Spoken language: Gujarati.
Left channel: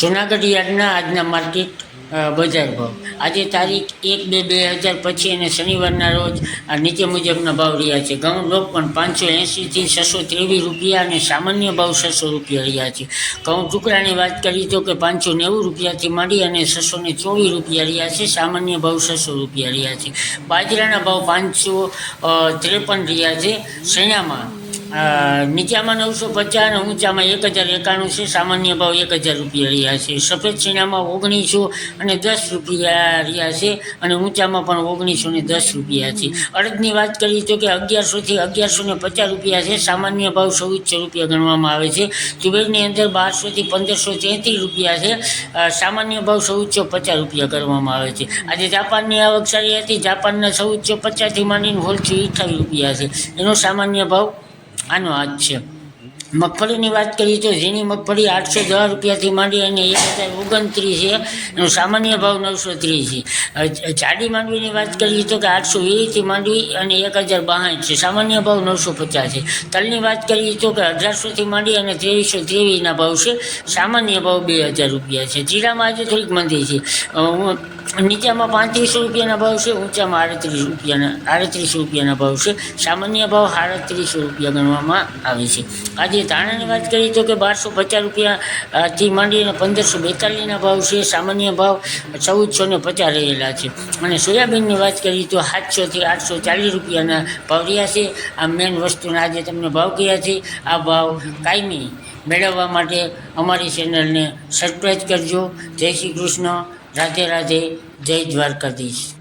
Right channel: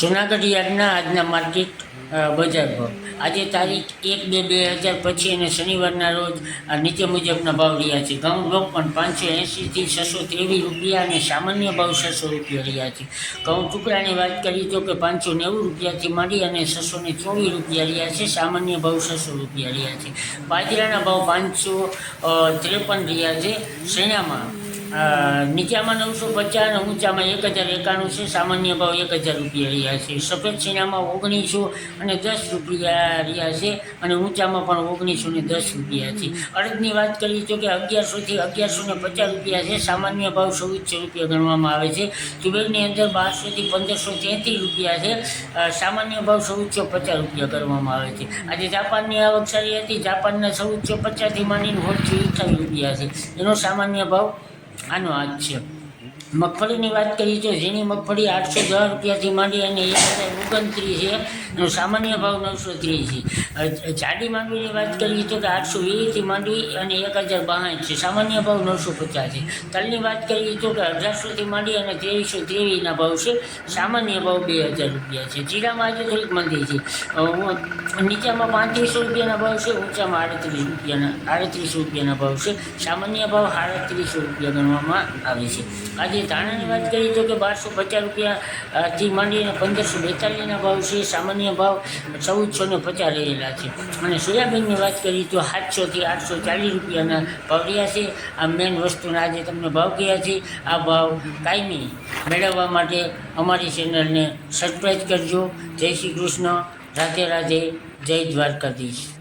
જુનાગઢ યાર્ડના આજના માર્કેટ બજાર ભાવ. આજે તારીખ એક બે બે હજાર પછી અને શનિવારના રોજ આ નીચે મુજબના ભાવ રહ્યા છે. ઘઉં લોક પણ પાંચસો એંશીથી છસો ત્રેવીસ રૂપિયા અને સામાન્ય ભાવ છસો રૂપિયા રહ્યા છે. ઘઉં ટુકડાની વાત કરી તો કે પાંચસો નેવું રૂપિયાથી માંડી અને છસો ને ચોવીસ રૂપિયા રહ્યા છે. સામાન્ય ભાવ છસો રૂપિયા રહ્યા છે. બાજરાના ભાવ પાંચસો ત્રેપન રહ્યા છે. શેણામાં નીચામાં નવસો પચાસ અને ઊંચામાં એક હજાર એકાણું છે. સામાન્ય ભાવ એક હજાર રૂપિયા રહ્યા છે. સફેદ ચીનામાં ઓગણીસો અને દસ રૂપિયા રહ્યા છે અને ઊંચામાં પણ ઓગણીસો ને દસ રૂપિયા છે. અડદની વાત કરીએ તો કે અગિયારસોથી અગિયારસો ને પચાસ રૂપિયા છે. સામાન્ય ભાવ ચૌદસો રૂપિયા ગણવામાં આવે છે. તુવેરની અંદર બારસોથી પંદરસો તેત્રીસ રૂપિયા છે. સામાન્ય ભાવ ચૌદસો પચાસ રૂપિયા કરવામાં આવે છે. આજે જાપાનની આવક સારી હતી. જાપાનના ચૌદસો પચાસથી માંડીને હોલથી અઠ્ઠાવીસ રૂપિયા છે. એનો સામાન્ય ભાવ આનો આજ છે. મગફળીની વાત કરીએ તો ઝીણી મગફળી આઠસો દસ રૂપિયાથી માંડી અને એક હજાર ઓગણત્રીસ છે એનો સામાન્ય ભાવ નવસો ત્રીસ છે. જાડી માંડવીની વાત કરીએ તો કે આઠસો વીસથી માંડવી અને એક હજાર બાસઠ છે. સામાન્ય ભાવ નવસો પચાસ છે. તલની વાત કરીએ તો કે અઢારસોથી માંડી અને ત્રેવીસો ત્રેવીસના ભાવ છે. સામાન્ય ભાવ બે હજાર રૂપિયા છે. જીરામાં આજે થોડીક મંદી છે. નીચામાં પાંત્રીસો રૂપિયાના ભાવ છે, ઊંચામાં આડત્રીસ રૂપિયાના આડત્રીસ રૂપિયાના ભાવ છે. સામાન્ય ભાવ આડત્રીસો રૂપિયા ગણવામાં આવે છે. આજે ધાણાની વાત કરીએ તો કે બારસો પચાસ રૂપિયાથી માંડીને પંદરસો બેતાલીસના ભાવ છે. સામાન્ય ભાવ ચૌદસો ને પચાસ રહેલા છે. અને સોયાબીનની વાત કરીએ તો સાતસોથી આઠસો ચાલીસ રૂપિયાના ભાવ રહ્યા છે. આ મેઇન વસ્તુના આજે તમને ભાવ કયા છે? આ ભાવ કાયમી મેળવવા માટે અમારી ચેનલને સબસ્ક્રાઈબ કરજો. જય શ્રી કૃષ્ણ. રાધે રાધે. જય દ્વારકાધીશ.